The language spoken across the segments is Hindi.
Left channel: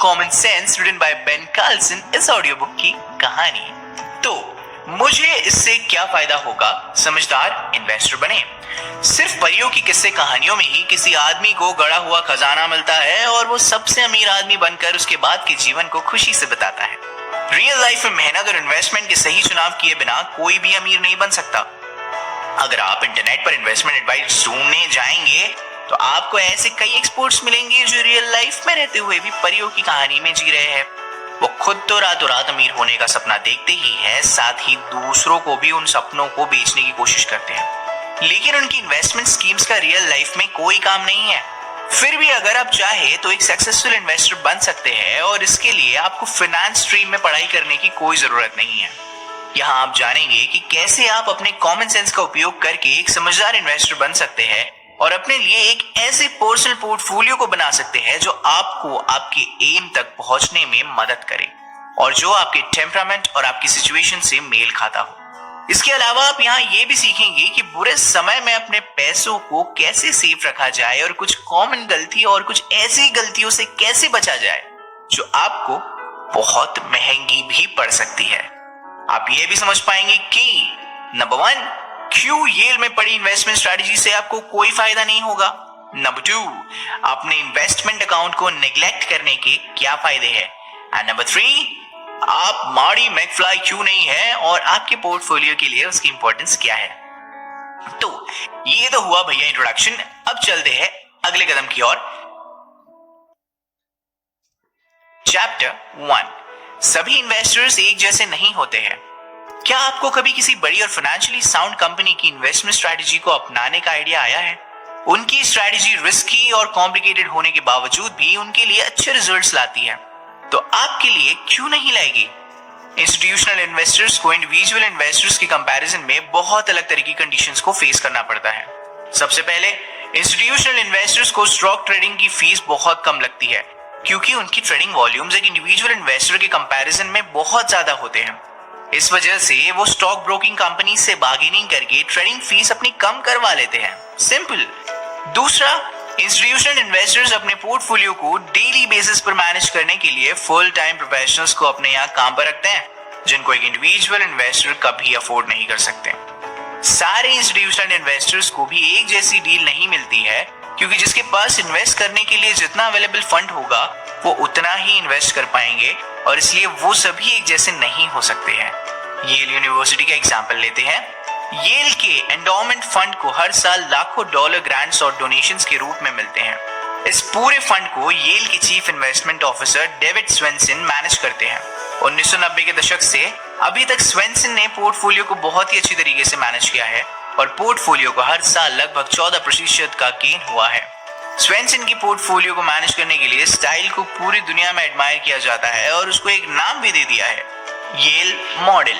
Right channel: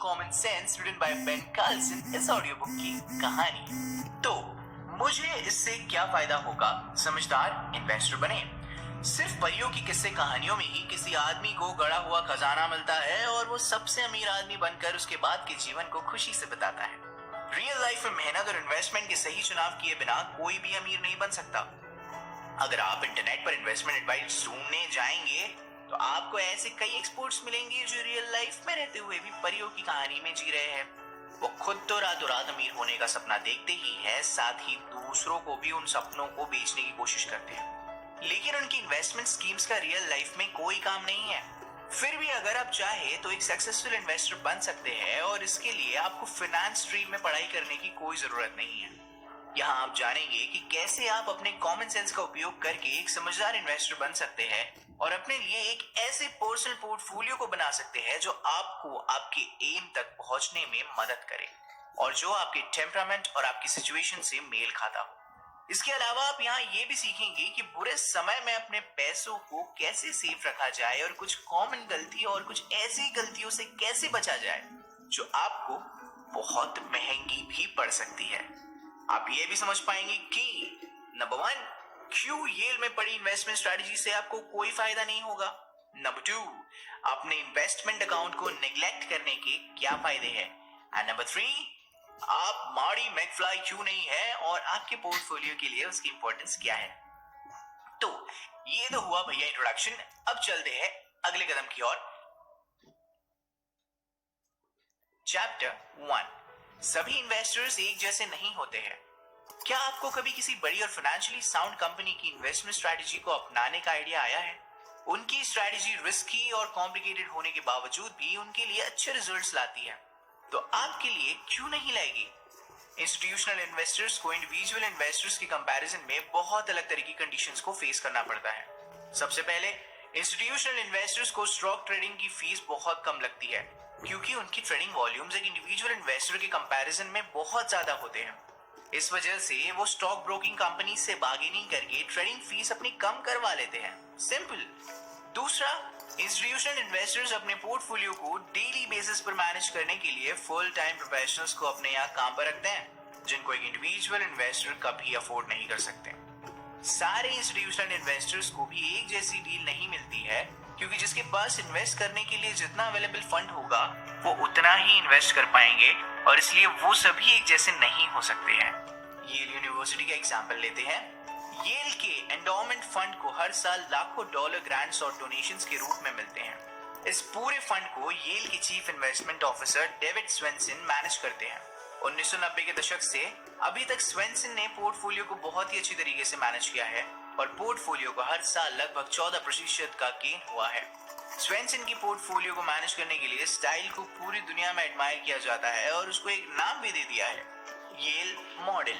Common sense written by Ben Carlson audio ऑडियो बुक की कहानी। तो मुझे इससे क्या फायदा होगा? समझदार इन्वेस्टर बने। सिर्फ परियों की किस्से कहानियों में ही किसी आदमी को गड़ा हुआ खजाना मिलता है और वो सबसे अमीर आदमी बनकर उसके बाद के जीवन को खुशी से बताता है। रियल लाइफ में मेहनत और इन्वेस्टमेंट के सही चुनाव किए बिना कोई भी अमीर नहीं बन सकता। अगर आप इंटरनेट पर इन्वेस्टमेंट एडवाइस ढूंढने जाएंगे तो आपको ऐसे कई एक्सपर्ट्स मिलेंगे जो रियल लाइफ में रहते हुए भी परियों की कहानी में जी रहे हैं। वो खुद तो रातों रात अमीर होने का सपना देखते ही है, साथ ही दूसरों को भी उन सपनों को बेचने की कोशिश करते हैं, लेकिन उनकी इन्वेस्टमेंट स्कीम्स का रियल लाइफ में कोई काम नहीं है। फिर भी अगर आप चाहे तो एक सक्सेसफुल इन्वेस्टर बन सकते हैं और इसके लिए आपको फाइनेंस स्ट्रीम में पढ़ाई करने की कोई जरूरत नहीं है। यहाँ आप जानेंगे कि कैसे आप अपने कॉमन सेंस का उपयोग करके एक समझदार इन्वेस्टर बन सकते हैं और अपने लिए एक ऐसे पर्सनल पोर्टफोलियो को बना सकते हैं जो आपको आपके एम तक पहुंचने में मदद करे और जो आपके टेम्परामेंट और आपकी सिचुएशन से मेल खाता हो। इसके अलावा आप यहाँ ये भी सीखेंगे कि बुरे समय में अपने पैसों को कैसे सेफ रखा जाए और कुछ कॉमन गलती और कुछ ऐसी गलतियों से कैसे बचा जाए जो आपको बहुत महंगी भी पड़ सकती है। आप ये भी समझ पाएंगे कि नंबर 1, क्यों येल में पड़ी इन्वेस्टमेंट स्ट्रेटजी से आपको कोई फायदा नहीं होगा। नंबर 2, अपने इन्वेस्टमेंट अकाउंट को नेग्लेक्ट करने के क्या फायदे हैं। एंड नंबर 3, आप मार्टी मैकफ्लाई क्यों नहीं है और आपके पोर्टफोलियो के लिए उसकी इंपॉर्टेंस क्या है। तो ये तो हुआ भैया इंट्रोडक्शन। अब चलते हैं अगले कदम की ओर। चैप्टर 1, सभी इन्वेस्टर्स एक जैसे नहीं होते हैं। क्या आपको कभी किसी बड़ी और फाइनेंशियली साउंड कंपनी की इन्वेस्टमेंट स्ट्रेटजी को अपनाने का आइडिया आया है? उनकी स्ट्रेटजी रिस्की और कॉम्प्लिकेटेड होने के बावजूद भी उनके लिए अच्छे रिजल्ट्स लाती है, तो आपके लिए क्यों नहीं लाएगी? इंस्टीट्यूशनल इन्वेस्टर्स को इंडिविजुअल इन्वेस्टर्स के कंपैरिजन में बहुत अलग तरह की कंडीशंस को फेस करना पड़ता है। सबसे पहले, इंस्टीट्यूशनल इन्वेस्टर्स को स्टॉक ट्रेडिंग की फीस बहुत कम लगती है क्योंकि उनकी ट्रेडिंग वॉल्यूम्स एक इंडिविजुअल इन्वेस्टर के कंपैरिजन में बहुत ज्यादा होते हैं। इस वजह से वो स्टॉक ब्रोकिंग कंपनी से बार्गेनिंग करके ट्रेडिंग फीस अपनी कम करवा लेते हैं। सिंपल। दूसरा, इंस्टीट्यूशनल इन्वेस्टर्स अपने पोर्टफोलियो को डेली बेसिस पर मैनेज करने के लिए फुल टाइम प्रोफेशनल्स को अपने यहाँ काम पर रखते हैं, जिनको एक इंडिविजुअल इन्वेस्टर कभी अफोर्ड नहीं कर सकते। सारे इंस्टीट्यूशनल इन्वेस्टर्स को भी एक जैसी डील नहीं मिलती है क्योंकि जिसके पास इन्वेस्ट करने के लिए जितना अवेलेबल फंड होगा वो उतना ही इन्वेस्ट कर पाएंगे और इसलिए वो सभी एक जैसे नहीं हो सकते हैं। येल यूनिवर्सिटी का एग्जांपल लेते हैं। येल के एंडोमेंट फंड को हर साल लाखों डॉलर ग्रांट्स और डोनेशंस के रूप में मिलते हैं। इस पूरे फंड को येल के chief investment officer David Swensen manage करते हैं। 1990 के दशक से अभी तक स्वेंसन ने पोर्टफोलियो को बहुत ही अच्छी तरीके से मैनेज किया है और पोर्टफोलियो को हर साल लगभग 14% का गेन हुआ है। स्वेंसन की पोर्टफोलियो को मैनेज करने के लिए स्टाइल को पूरी दुनिया में एडमायर किया जाता है और उसको एक नाम भी दे दिया है, येल मॉडल।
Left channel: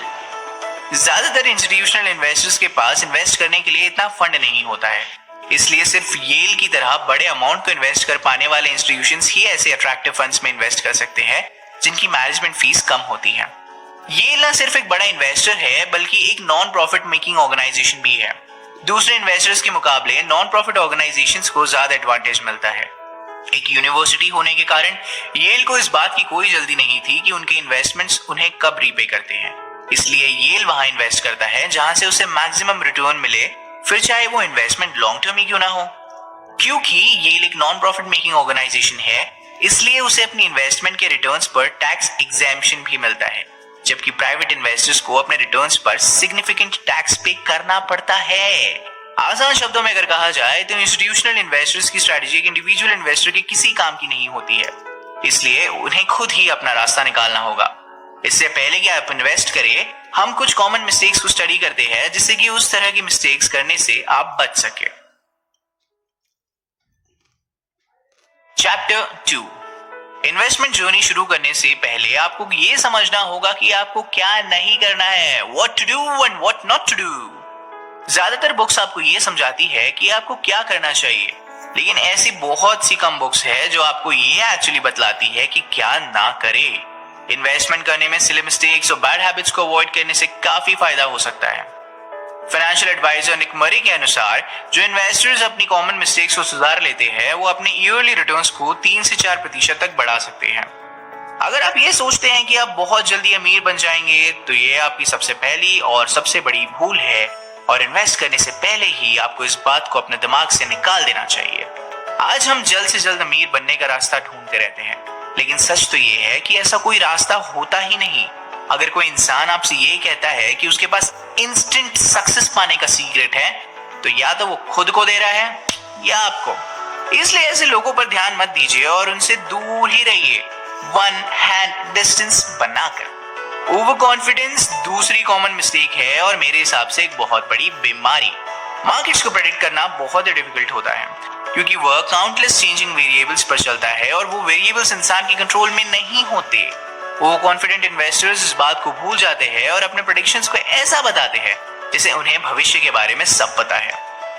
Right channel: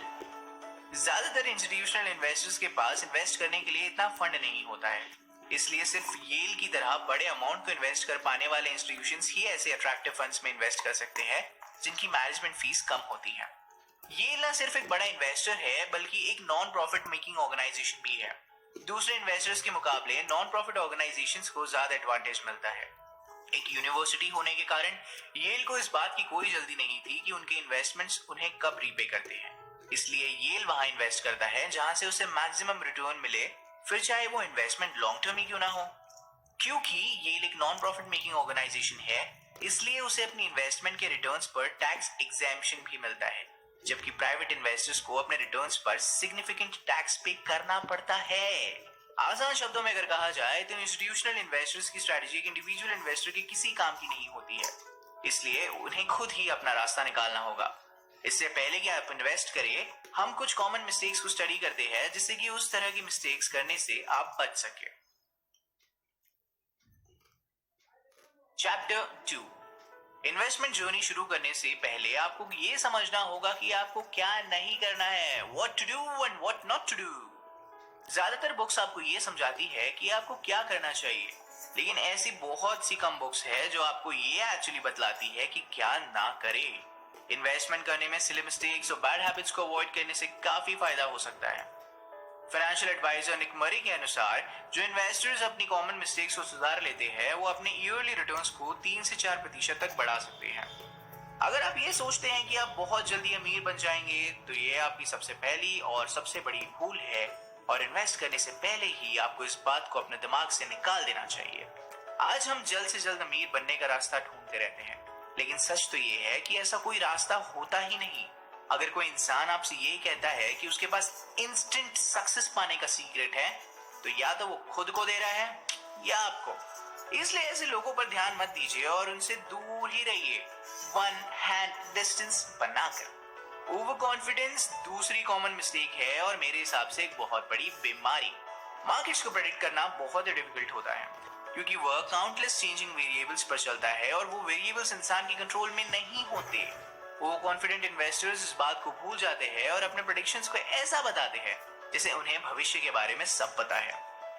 ज्यादातर इंस्टीट्यूशनल इन्वेस्टर्स के पास इन्वेस्ट करने के लिए इतना फंड नहीं होता है, इसलिए सिर्फ येल की तरह बड़े अमाउंट को इन्वेस्ट कर पाने वाले इंस्टीट्यूशंस ही ऐसे अट्रैक्टिव फंड्स में इन्वेस्ट कर सकते हैं जिनकी मैनेजमेंट फीस कम होती है। येल न सिर्फ एक बड़ा इन्वेस्टर है बल्कि एक नॉन प्रॉफिट मेकिंग ऑर्गेनाइजेशन भी है। दूसरे इन्वेस्टर्स के मुकाबले नॉन प्रॉफिट ऑर्गेनाइजेशंस को ज्यादा एडवांटेज मिलता है। एक यूनिवर्सिटी होने के कारण येल को इस बात की कोई जल्दी नहीं थी कि उनके इन्वेस्टमेंट्स उन्हें कब रीपे करते हैं, इसलिए येल वहां इन्वेस्ट करता है जहां से उसे मैक्सिमम रिटर्न मिले, फिर चाहे वो इन्वेस्टमेंट लॉन्ग टर्म ही क्यों ना हो। क्योंकि येल एक नॉन प्रॉफिट मेकिंग ऑर्गेनाइजेशन है, इसलिए उसे अपनी इन्वेस्टमेंट के रिटर्न्स पर टैक्स एग्जेम्पशन भी मिलता है, जबकि प्राइवेट इन्वेस्टर्स को अपने रिटर्न्स पर सिग्निफिकेंट टैक्स पे करना पड़ता है। आसान शब्दों में अगर कहा जाए तो इंस्टीट्यूशनल इन्वेस्टर्स की स्ट्रेटजी एक इंडिविजुअल इन्वेस्टर के किसी काम की नहीं होती है, इसलिए उन्हें खुद ही अपना रास्ता निकालना होगा। इससे पहले कि आप इन्वेस्ट करें, हम कुछ कॉमन मिस्टेक्स को स्टडी करते हैं जिससे कि उस तरह की मिस्टेक्स करने से आप बच सके। चैप्टर 2, इन्वेस्टमेंट जर्नी शुरू करने से पहले आपको ये समझना होगा कि आपको क्या नहीं करना है, what to do and what not to do. ज्यादातर बुक्स आपको ये समझाती है कि आपको क्या करना चाहिए, लेकिन ऐसी बहुत सी कम बुक्स है जो आपको ये एक्चुअली बतलाती है कि क्या ना करे। इन्वेस्टमेंट करने में सिली मिस्टेक्स और बैड हैबिट्स को अवॉइड करने से काफी फायदा हो सकता है। फाइनेंशियल एडवाइजर निक मरी के अनुसार जो इन्वेस्टर्स अपनी कॉमन मिस्टेक्स को सुधार लेते हैं वो अपने ईयरली रिटर्न्स को 3 से 4% तक बढ़ा सकते हैं। अगर आप ये सोचते हैं कि आप बहुत जल्दी अमीर बन जाएंगे तो ये आपकी सबसे पहली और सबसे बड़ी भूल है और इन्वेस्ट करने से पहले ही आपको इस बात को अपने दिमाग से निकाल देना चाहिए। आज हम जल्द से जल्द अमीर बनने का रास्ता ढूंढते रहते हैं, लेकिन सच तो ये है कि ऐसा कोई रास्ता होता ही नहीं। अगर कोई इंसान आपसे ये कहता है कि उसके पास इंस्टेंट सक्सेस पाने का सीक्रेट है, तो या तो वो खुद को दे रहा है या आपको। इसलिए ऐसे लोगों पर ध्यान मत दीजिए और उनसे दूर ही रहिए, वन हैंड डिस्टेंस बनाकर। ओवर कॉन्फिडेंस दूसरी कॉमन मिस्टेक है और मेरे हिसाब से एक बहुत बड़ी बीमारी। मार्केट्स को प्रेडिक्ट करना बहुत ही डिफिकल्ट होता है क्योंकि वह काउंटलेस चेंजिंग वेरिएबल्स पर चलता है और वो वेरिएबल्स इंसान के कंट्रोल में नहीं होते। वो कॉन्फिडेंट इन्वेस्टर्स इस बात को भूल जाते हैं और अपने प्रेडिक्शंस को ऐसा बताते हैं जैसे उन्हें भविष्य के बारे में सब पता है।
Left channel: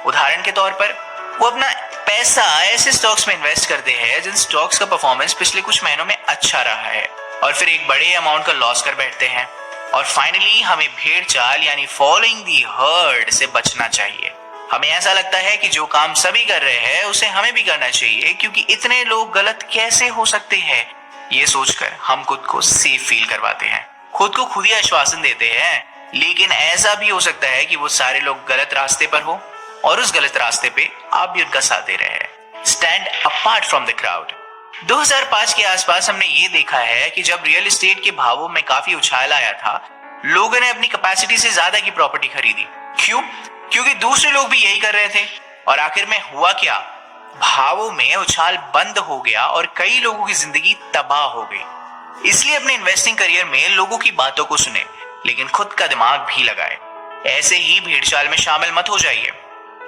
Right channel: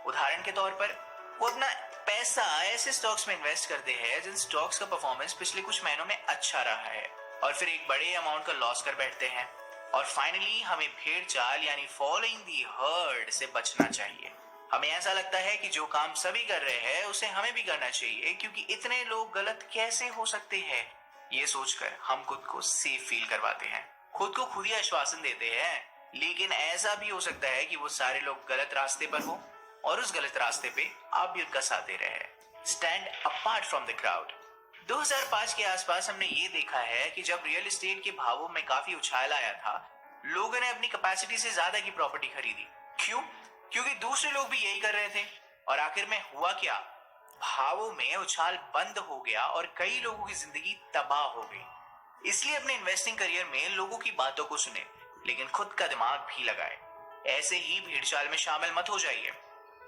उदाहरण के तौर पर वो अपना पैसा ऐसे स्टॉक्स में इन्वेस्ट करते हैं जिन स्टॉक्स का परफॉर्मेंस पिछले कुछ महीनों में अच्छा रहा है और फिर एक बड़े अमाउंट का लॉस कर बैठते हैं। और फाइनली हमें भेड़ चाल यानी फॉलोइंग दी हर्ड से बचना चाहिए। हमें ऐसा लगता है कि जो काम सभी कर रहे हैं उसे हमें भी करना चाहिए क्योंकि इतने लोग गलत कैसे हो सकते हैं, ये सोचकर हम खुद को सेफ फील करवाते हैं, खुद को खुद ही आश्वासन देते हैं। लेकिन ऐसा भी हो सकता है कि वो सारे लोग गलत रास्ते पर हो और उस गलत रास्ते पे आप भी उनका साथ दे रहे हैं। Stand apart from the crowd. 2005 के आसपास हमने ये देखा है कि जब रियल एस्टेट के भावों में काफी उछाल आया था, लोगों ने अपनी कैपेसिटी से ज्यादा की प्रॉपर्टी खरीदी। क्यों? क्योंकि दूसरे लोग भी यही कर रहे थे। और आखिर में हुआ क्या? भावों में उछाल बंद हो गया और कई लोगों की जिंदगी तबाह हो गई। इसलिए अपने इन्वेस्टिंग करियर में लोगों की बातों को सुने, लेकिन खुद का दिमाग भी लगाए। ऐसे ही भेड़चाल में शामिल मत हो जाइए।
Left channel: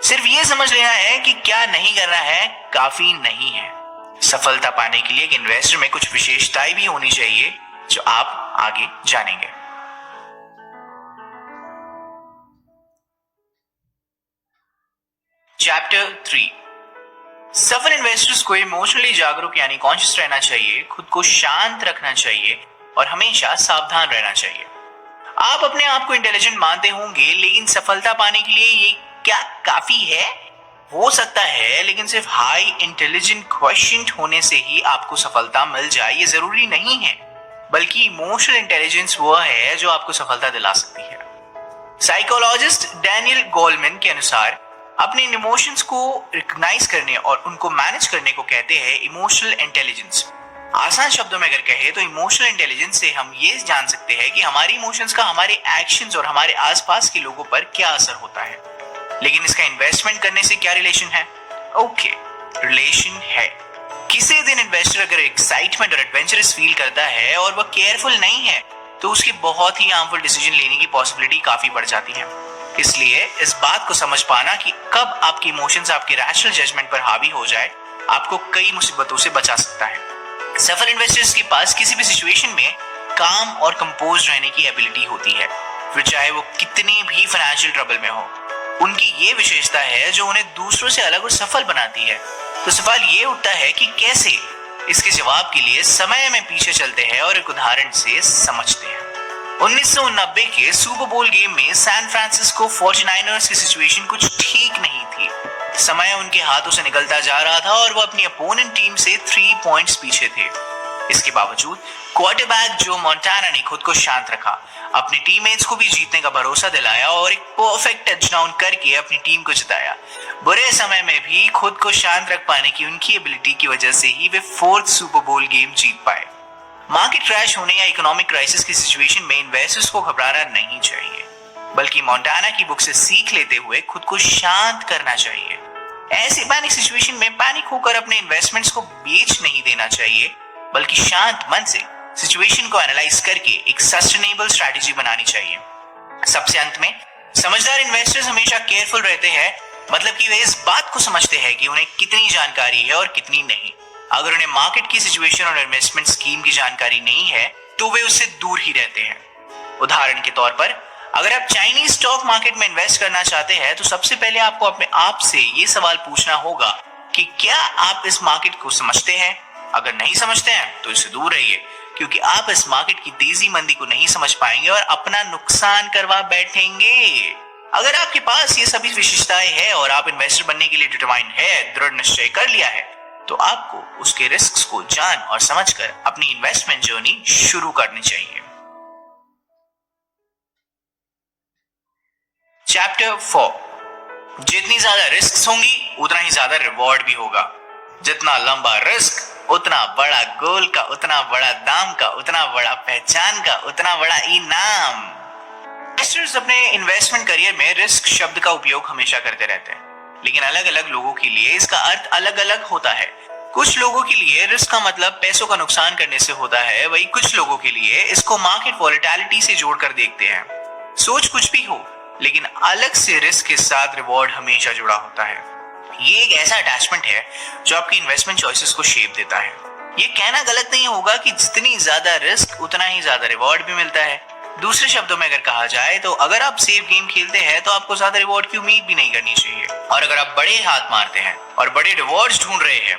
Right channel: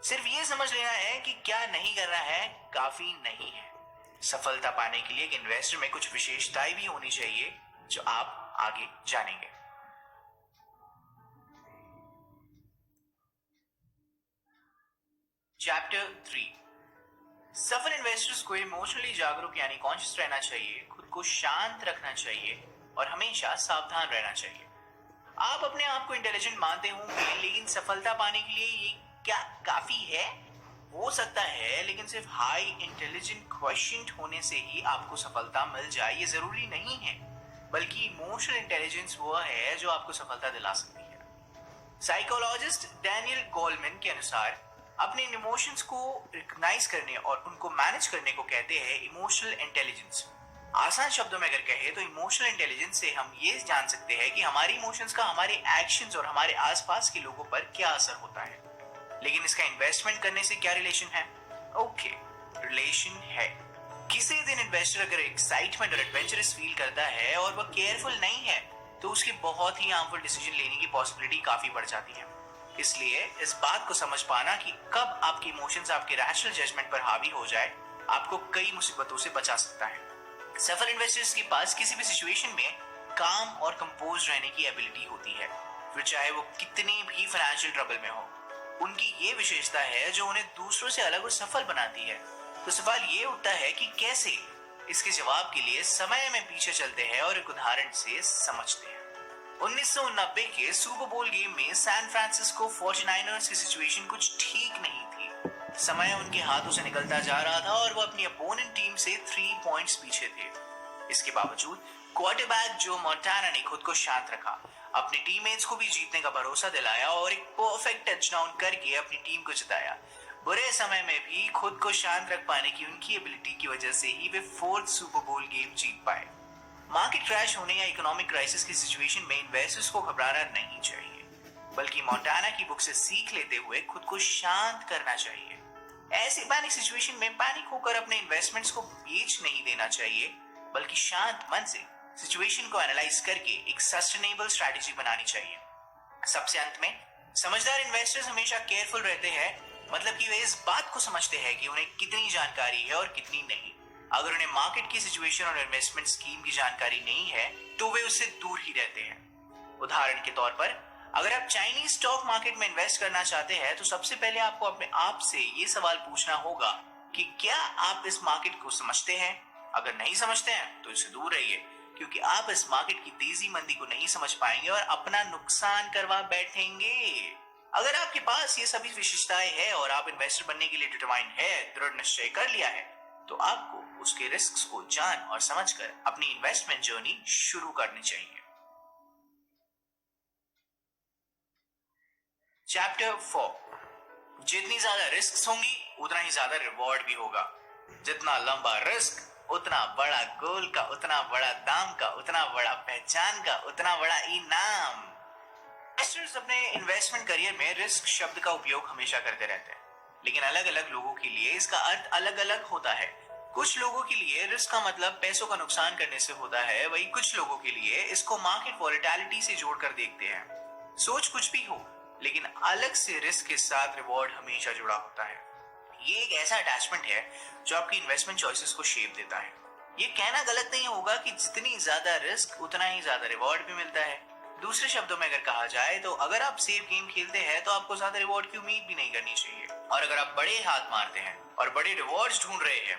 सिर्फ ये समझ लेना है कि क्या नहीं करना है काफी नहीं है। सफलता पाने के लिए एक इन्वेस्टर में कुछ विशेषताएं भी होनी चाहिए जो आप आगे जानेंगे। चैप्टर 3। सफल इन्वेस्टर्स को इमोशनली जागरूक यानी कॉन्शियस रहना चाहिए, खुद को शांत रखना चाहिए और हमेशा सावधान रहना चाहिए। आप अपने आप को इंटेलिजेंट मानते होंगे, लेकिन सफलता पाने के लिए ये क्या काफी है? हो सकता है, लेकिन सिर्फ हाई इंटेलिजेंट क्वेश्चन होने से ही आपको सफलता मिल जाए ये जरूरी नहीं है, बल्कि इमोशनल इंटेलिजेंस वो है जो आपको सफलता दिला सकती है। साइकोलॉजिस्ट डैनियल गोलमैन के अनुसार अपने इमोशंस को रिकॉग्नाइज करने और उनको मैनेज करने को कहते हैं इमोशनल इंटेलिजेंस। आसान शब्दों में अगर कहे तो इमोशनल इंटेलिजेंस से हम ये जान सकते हैं कि हमारी इमोशंस का हमारे एक्शंस और हमारे आसपास के लोगों पर क्या असर होता है। लेकिन इसका इन्वेस्टमेंट करने से क्या रिलेशन है? ओके, रिलेशन है। किसी दिन इन्वेस्टर अगर एक्साइटमेंट और एडवेंचरस फील करता है और वह केयरफुल नहीं है तो उसकी बहुत ही हार्मफुल डिसीजन लेने की पॉसिबिलिटी काफी बढ़ जाती है। इसलिए इस बात को समझ पाना कि कब आपके इमोशंस आपके रैशनल जजमेंट पर हावी हो जाए आपको कई मुसीबतों से बचा सकता है। सफल इन्वेस्टर्स के पास किसी भी सिचुएशन में काम और कंपोज रहने की एबिलिटी होती है, फिर चाहे वो कितनी भी फाइनेंशियल ट्रबल में हो। उनकी ये विशेषता है जो उन्हें दूसरों से अलग और सफल बनाती है। तो सवाल ये उठता है कि कैसे? इसके जवाब के लिए समय में पीछे चलते हैं और एक उदाहरण से समझते हैं। 1990 के सुपर बोल गेम में सैन फ्रांसिस्को 49ers की सिचुएशन कुछ ठीक नहीं थी। समय उनके हाथों से निकलता जा रहा था और वो अपनी अपोनेंट टीम से 3 पॉइंट्स पीछे थे। इसके बावजूद क्वार्टरबैक जो मोंटाना ने खुद को शांत रखा, अपने टीममेट्स को भी जीतने का भरोसा दिलाया और एक परफेक्ट टचडाउन करके अपनी टीम को जिताया। बुरे समय में भी खुद को शांत रख पाने की उनकी एबिलिटी की वजह से ही वे 4th सुपर बोल गेम जीत पाए। मार्केट क्रैश होने या इकोनॉमिक क्राइसिस की सिचुएशन में इन्वेस्टर्स को घबराना नहीं चाहिए, बल्कि मोंटाना की बुक से सीख लेते हुए खुद को शांत करना चाहिए। ऐसी पैनिक सिचुएशन में पैनिक होकर अपने इन्वेस्टमेंट्स को बेच नहीं देना चाहिए, बल्कि शांत मन से सिचुएशन को एनालाइज करके एक सस्टेनेबल स्ट्रैटेजी बनानी चाहिए। सबसे अंत में, समझदार इन्वेस्टर्स हमेशा केयरफुल रहते हैं, मतलब कि वे इस बात को समझते हैं कि उन्हें कितनी जानकारी है और कितनी नहीं। अगर उन्हें मार्केट की सिचुएशन और इन्वेस्टमेंट स्कीम की जानकारी नहीं है तो वे उससे दूर ही रहते हैं। उदाहरण के तौर पर, अगर आप चाइनीज स्टॉक मार्केट में इन्वेस्ट करना चाहते हैं तो सबसे पहले आपको अपने आप से ये सवाल पूछना होगा कि क्या आप इस मार्केट को समझते हैं? अगर नहीं समझते हैं तो इससे दूर रहिए, क्योंकि आप इस मार्केट की तेजी मंदी को नहीं समझ पाएंगे और अपना नुकसान करवा बैठेंगे। अगर आपके पास ये सभी विशेषताएं हैं और आप इन्वेस्टर बनने के लिए डिटरमाइंड है, दृढ़ निश्चय कर लिया है, तो आपको उसके रिस्क को जान और समझकर अपनी इन्वेस्टमेंट जर्नी शुरू करनी चाहिए। चैप्टर 4, जितनी ज्यादा रिस्क होंगी उतना ही ज्यादा रिवॉर्ड भी होगा। जितना लंबा रिस्क उतना बड़ा गोल का, उतना बड़ा दाम का, उतना बड़ा पहचान का, उतना बड़ा इनाम। इन्वेस्टर्स अपने इन्वेस्टमेंट करियर में रिस्क शब्द का उपयोग हमेशा करते रहते हैं, लेकिन अलग अलग लोगों के लिए इसका अर्थ अलग अलग होता है। कुछ लोगों के लिए रिस्क का मतलब पैसों का नुकसान करने से होता है, वही कुछ लोगों के लिए इसको मार्केट वॉलेटिलिटी से जोड़कर देखते हैं। सोच कुछ भी हो, लेकिन अलग से रिस्क के साथ रिवॉर्ड हमेशा जुड़ा होता है। ये एक ऐसा अटैचमेंट है जो आपकी इन्वेस्टमेंट चॉइसेस को शेप देता है। ये कहना गलत नहीं होगा कि जितनी ज्यादा रिस्क उतना ही ज्यादा रिवॉर्ड भी मिलता है। दूसरे शब्दों में अगर कहा जाए तो अगर आप सेफ गेम खेलते हैं तो आपको ज्यादा रिवॉर्ड की उम्मीद भी नहीं करनी चाहिए, और अगर आप बड़े हाथ मारते हैं और बड़े रिवॉर्ड्स ढूंढ रहे हैं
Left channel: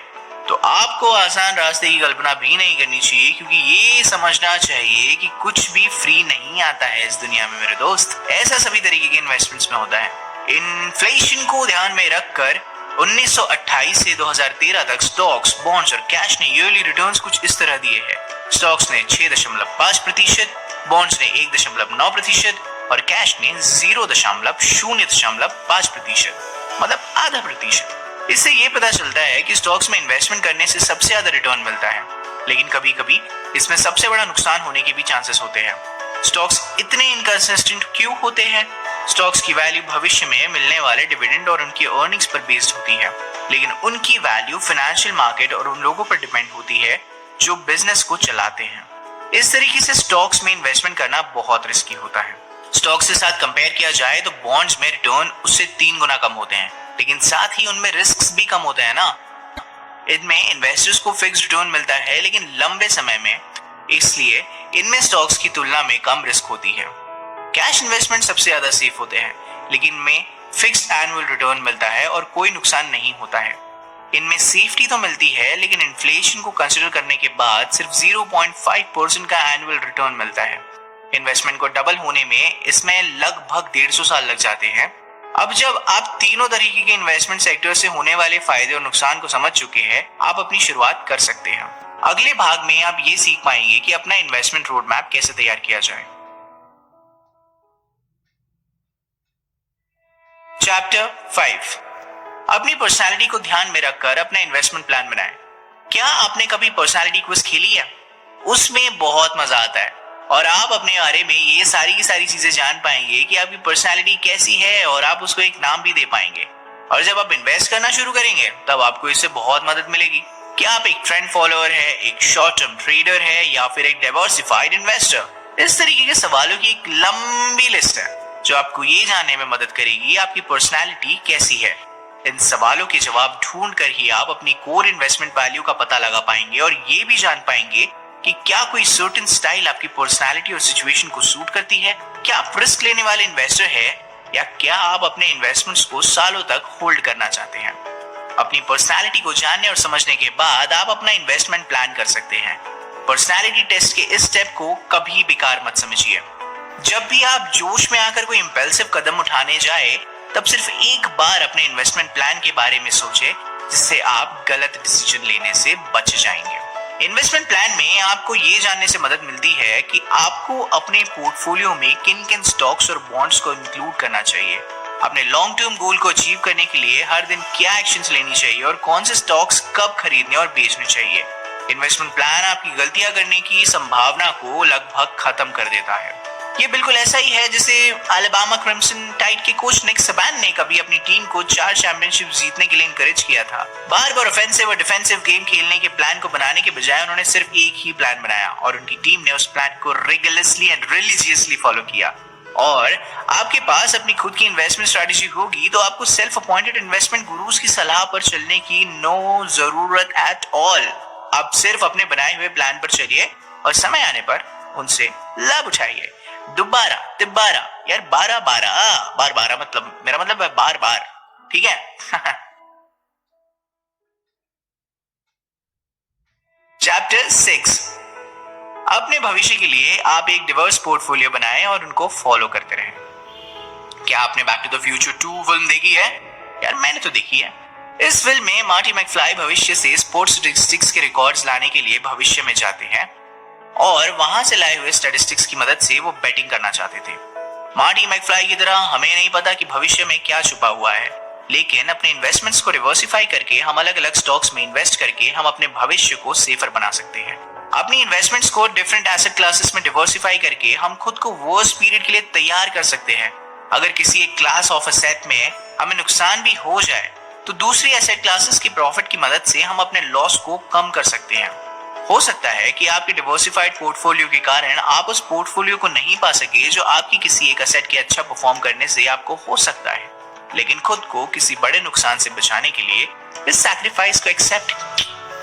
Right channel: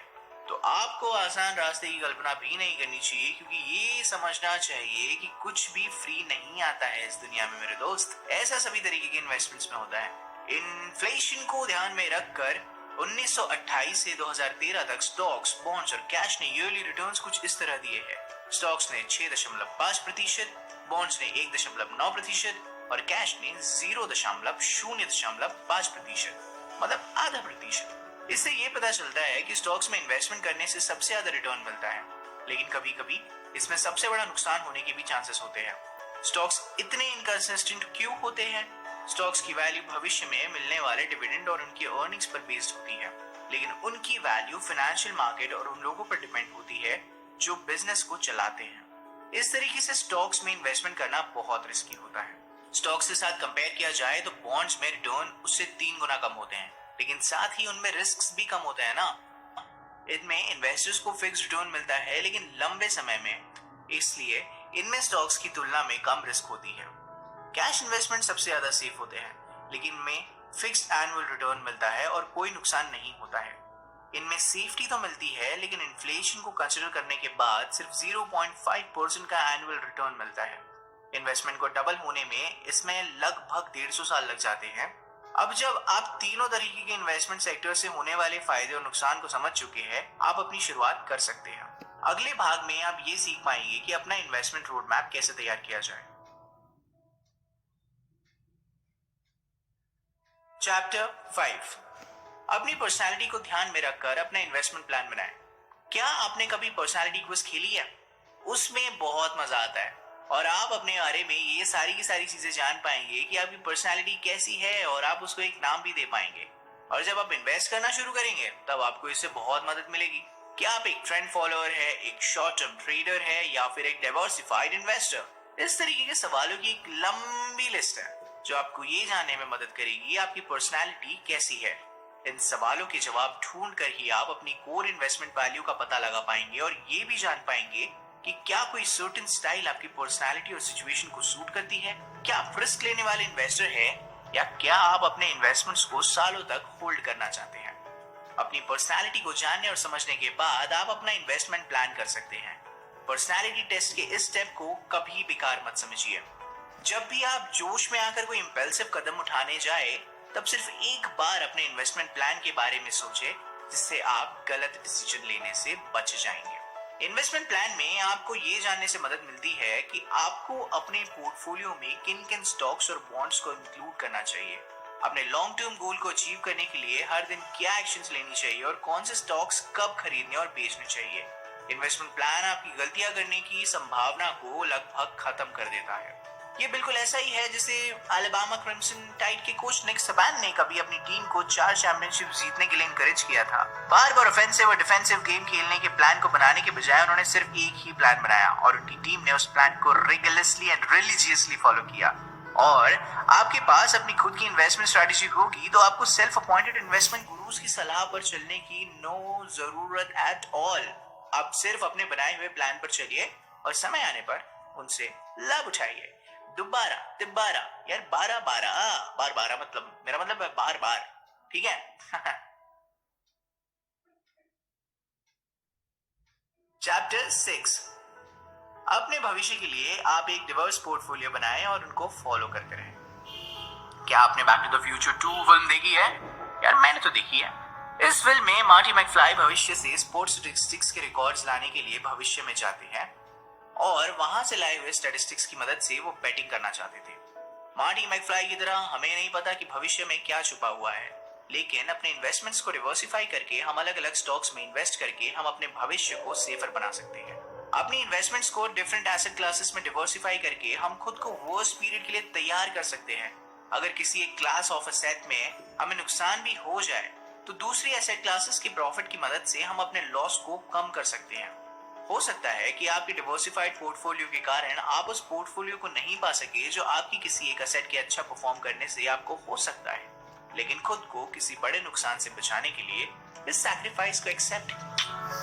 तो आपको आसान रास्ते की कल्पना भी नहीं करनी चाहिए, क्योंकि ये समझना चाहिए कि कुछ भी फ्री नहीं आता है इस दुनिया में मेरे दोस्त। ऐसा सभी तरीके के इन्वेस्टमेंट्स में होता है। इन्फ्लेशन को ध्यान में रखकर 1928 से 2013 तक स्टॉक्स, बॉन्ड्स और कैश ने ईयरली रिटर्न्स कुछ इस तरह दिए हैं। स्टॉक्स ने 6.5%, बॉन्ड्स ने 1.9% और कैश ने 0.05%, मतलब आधा प्रतिशत। इससे ये पता चलता है कि स्टॉक्स में इन्वेस्टमेंट करने से सबसे ज्यादा रिटर्न मिलता है, लेकिन कभी कभी इसमें सबसे बड़ा नुकसान होने के भी चांसेस होते हैं। स्टॉक्स इतने इनकंसिस्टेंट क्यों होते हैं? स्टॉक्स की वैल्यू भविष्य में मिलने वाले डिविडेंड और उनकी अर्निंग्स पर बेस्ड होती है, लेकिन उनकी वैल्यू फाइनेंशियल मार्केट और उन लोगों पर डिपेंड होती है जो बिजनेस को चलाते हैं। इस तरीके से स्टॉक्स में इन्वेस्टमेंट करना बहुत रिस्की होता है। स्टॉक्स के साथ कंपेयर किया जाए तो बॉन्ड्स में रिटर्न उससे 3 गुना कम होते हैं, लेकिन साथ ही उनमें रिस्क भी कम होते हैं ना। इनमें इन्वेस्टर्स को फिक्स रिटर्न मिलता है, लेकिन लंबे समय में, इसलिए इनमें स्टॉक्स की तुलना में कम रिस्क होती है। कैश इन्वेस्टमेंट सबसे ज्यादा सेफ होते हैं, लेकिन इनमें फिक्स्ड एनुअल रिटर्न मिलता है और कोई नुकसान नहीं होता है। इनमें सेफ्टी तो मिलती है, लेकिन इन्फ्लेशन को कंसीडर करने के बाद सिर्फ 0.5% का एनुअल रिटर्न मिलता है। इन्वेस्टमेंट को डबल होने में इसमें लगभग 150 साल लग जाते हैं। अब जब आप तीनों तरीके के इन्वेस्टमेंट सेक्टर से होने वाले फायदे और नुकसान को समझ चुके हैं, आप अपनी शुरुआत कर सकते हैं। अगले भाग में आप ये सीख पाएंगे कि अपना इन्वेस्टमेंट रोड मैप कैसे तैयार किया जाए। चैप्टर 5, अपनी पर्सनालिटी को ध्यान में रखकर अपना इन्वेस्टमेंट प्लान बनाएं। क्या आपने कभी पर्सनालिटी क्विज खेली है? उसमें बहुत मजा आता है और आप अपने बारे में ये सारी की सारी चीजें जान पाएंगे कि आपकी पर्सनालिटी कैसी है, और आप उसको एक नाम भी दे पाएंगे। और जब आप इन्वेस्ट करना शुरू करेंगे तब आपको इससे बहुत मदद मिलेगी। क्या आप एक ट्रेंड फॉलोअर है, एक शॉर्ट टर्म ट्रेडर है, या फिर एक डाइवर्सिफाइड इन्वेस्टर? इस तरीके के सवालों की एक लंबी लिस्ट है जो आपको ये जानने में मदद करेगी आपकी पर्सनालिटी कैसी है। इन सवालों के जवाब ढूंढ कर ही आप अपनी कोर इन्वेस्टमेंट वैल्यू का पता लगा पाएंगे और ये भी जान पाएंगे कि क्या कोई सर्टेन स्टाइल आपकी पर्सनालिटी और सिचुएशन को सूट करती है। क्या आप रिस्क लेने वाले इन्वेस्टर है, या क्या आप अपने इन्वेस्टमेंट्स को सालों तक होल्ड करना चाहते हैं? अपनी पर्सनालिटी को जानने और समझने के बाद आप अपना इन्वेस्टमेंट प्लान कर सकते हैं। पर्सनालिटी टेस्ट के इस स्टेप को कभी बेकार मत समझिए। जब भी आप जोश में आकर कोई इंपल्सिव कदम उठाने जाए, तब सिर्फ एक बार अपने इन्वेस्टमेंट प्लान के बारे में सोचें, जिससे आप गलत डिसीजन लेने से बच जाएंगे। इन्वेस्टमेंट प्लान में आपको ये जानने से मदद मिलती है कि आपको अपने पोर्टफोलियो में किन किन स्टॉक्स और बॉन्ड्स को इंक्लूड करना चाहिए। अपने लॉन्ग टर्म गोल को अचीव करने के लिए हर दिन क्या एक्शंस लेनी चाहिए और कौन से स्टॉक्स कब खरीदने और बेचने चाहिए। इन्वेस्टमेंट प्लान आपकी गलतियां करने की संभावना को लगभग खत्म कर देता है। ये बिल्कुल ऐसा ही है जैसे अलाबामा क्रिम्सन टाइड के कोच निक सबान ने कभी अपनी टीम को 4 चैंपियनशिप जीतने के लिए इनकरेज किया था। बार बार ऑफेंसिव और डिफेंसिव गेम खेलने के प्लान को बनाने के बजाय उन्होंने सिर्फ एक ही प्लान बनाया और उनकी टीम ने उस प्लान को रिगुलरली एंड रिलीजियसली फॉलो किया। और आपके पास अपनी खुद की इन्वेस्टमेंट स्ट्रेटेजी होगी तो आपको सेल्फ अपॉइंटेड इन्वेस्टमेंट गुरुज की सलाह पर चलने की नो जरूरत एट ऑल। आप सिर्फ अपने बनाए हुए प्लान पर चलिए और समय आने पर उनसे लाभ उठाइए। दोबारा तिब्बारा, यार 12 मतलब मेरा मतलब है बार बार, ठीक है? चैप्टर 6, अपने भविष्य के लिए आप एक डिवर्स पोर्टफोलियो बनाएं और उनको फॉलो करते रहें। क्या आपने back to the future 2 film देखी है? यार मैंने तो देखी है। इस फिल्म में मार्टी मैकफ्लाई भविष्य से स्पोर्ट्स स्टैटिस्टिक्स के रिकॉर्ड्स लाने के लिए भविष्य में जाते हैं और वहां से लाए हुए स्टैटिस्टिक्स की मदद से वो बैटिंग करना चाहते थे। मार्टी मैकफ्लाई की तरह हमें नहीं पता कि भविष्य में क्या छुपा हुआ है, लेकिन अपने इन्वेस्टमेंट्स को डिवर्सिफाई करके हम अलग अलग स्टॉक्स में इन्वेस्ट करके हम अपने भविष्य को सेफर बना सकते हैं। अपनी इन्वेस्टमेंट्स को डिफरेंट एसेट क्लासेस में डिवर्सिफाई करके हम खुद को वर्स्ट पीरियड के लिए तैयार कर सकते हैं। अगर किसी एक क्लास ऑफ एसेट में हमें नुकसान भी हो जाए तो दूसरी एसेट क्लासेस की प्रॉफिट की मदद से हम अपने लॉस को कम कर सकते हैं। हो सकता है कि आपके डिवर्सिफाइड पोर्टफोलियो के कारण आप उस पोर्टफोलियो को नहीं पा सके जो आपकी किसी एक एसेट के अच्छा परफॉर्म करने से आपको हो सकता है, लेकिन खुद को किसी बड़े नुकसान से बचाने के लिए इस सैक्रिफाइस को एक्सेप्ट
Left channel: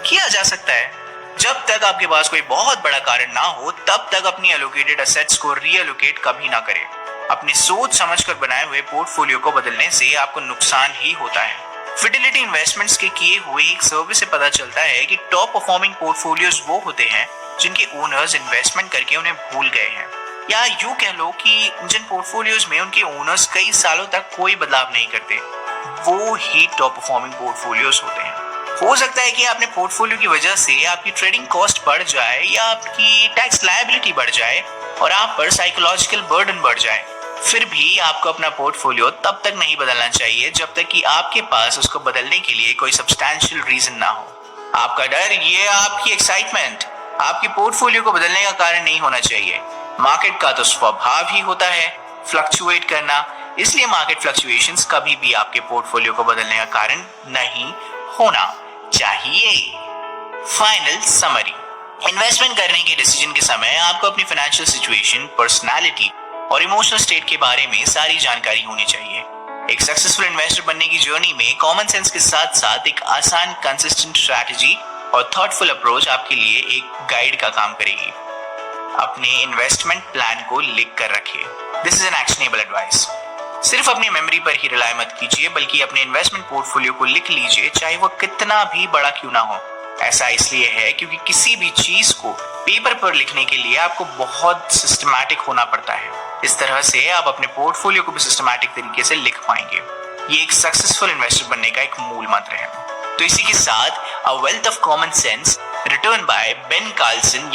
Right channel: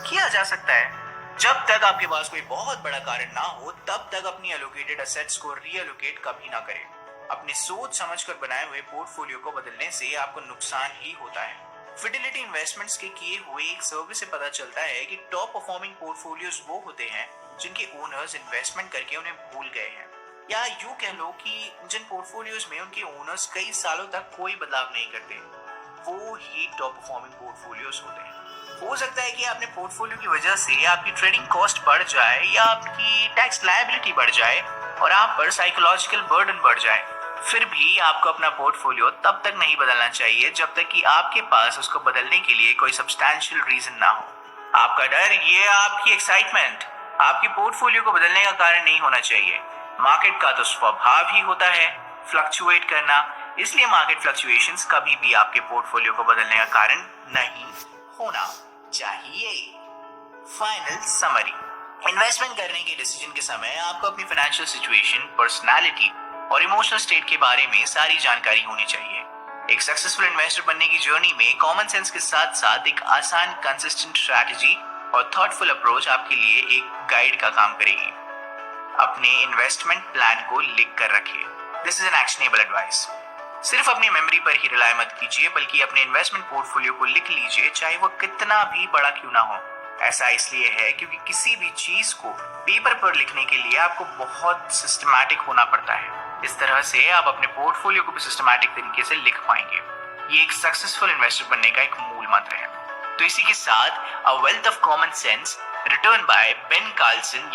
किया जा सकता है। जब तक आपके पास कोई बहुत बड़ा कारण ना हो तब तक अपनी एलोकेटेड एसेट्स को रीएलोकेट कभी ना करें। अपनी सोच समझकर बनाए हुए पोर्टफोलियो को बदलने से आपको नुकसान ही होता है। फिडेलिटी इन्वेस्टमेंट्स के किए हुए एक सर्वे से पता चलता है कि टॉप परफॉर्मिंग पोर्टफोलियोज वो होते हैं जिनके ओनर्स इन्वेस्टमेंट करके उन्हें भूल गए हैं, या यूं कह लो कि जिन पोर्टफोलियोज में उनके ओनर्स कई सालों तक कोई बदलाव नहीं करते, वो ही टॉप परफॉर्मिंग पोर्टफोलियोज होते हैं। हो सकता है कि आपने पोर्टफोलियो की वजह से आपकी ट्रेडिंग कॉस्ट बढ़ जाए या आपकी टैक्स लायबिलिटी बढ़ जाए और आप पर साइकोलॉजिकल बर्डन बढ़ जाए। फिर भी आपको अपना पोर्टफोलियो तब तक नहीं बदलना चाहिए जब तक कि आपके पास उसको बदलने के लिए कोई सब्सटैंशियल रीजन ना हो। आपका डर, ये आपकी एक्साइटमेंट आपके पोर्टफोलियो को बदलने का कारण नहीं होना चाहिए। मार्केट का तो स्वभाव ही होता है फ्लक्चुएट करना, इसलिए मार्केट फ्लक्चुएशंस कभी भी आपके पोर्टफोलियो को बदलने का कारण नहीं होना चाहिए। फाइनल समरी, इन्वेस्टमेंट करने के डिसीजन के समय आपको अपनी फाइनेंशियल सिचुएशन, पर्सनालिटी और इमोशनल स्टेट के बारे में सारी जानकारी होनी चाहिए। एक सक्सेसफुल इन्वेस्टर बनने की जर्नी में कॉमन सेंस के साथ साथ एक आसान, कंसिस्टेंट स्ट्रैटेजी और थॉटफुल अप्रोच आपके लिए एक गाइड का काम करेगी। अपने इन्वेस्टमेंट प्लान को लिख कर रखिए। This is an actionable advice. सिर्फ अपनी मेमोरी पर ही रिलाय मत कीजिए, बल्कि अपने इन्वेस्टमेंट पोर्टफोलियो को लिख लीजिए, चाहे वो कितना भी बड़ा क्यों ना हो। ऐसा इसलिए है क्योंकि किसी भी चीज को पेपर पर लिखने के लिए आपको बहुत सिस्टमैटिक होना पड़ता है। इस तरह से आप अपने पोर्टफोलियो को भी सिस्टमैटिक तरीके से लिख पाएंगे। ये एक सक्सेसफुल इन्वेस्टर बनने का एक मूल मंत्र है। तो इसी के साथ a wealth of common sense written by Ben Carlsen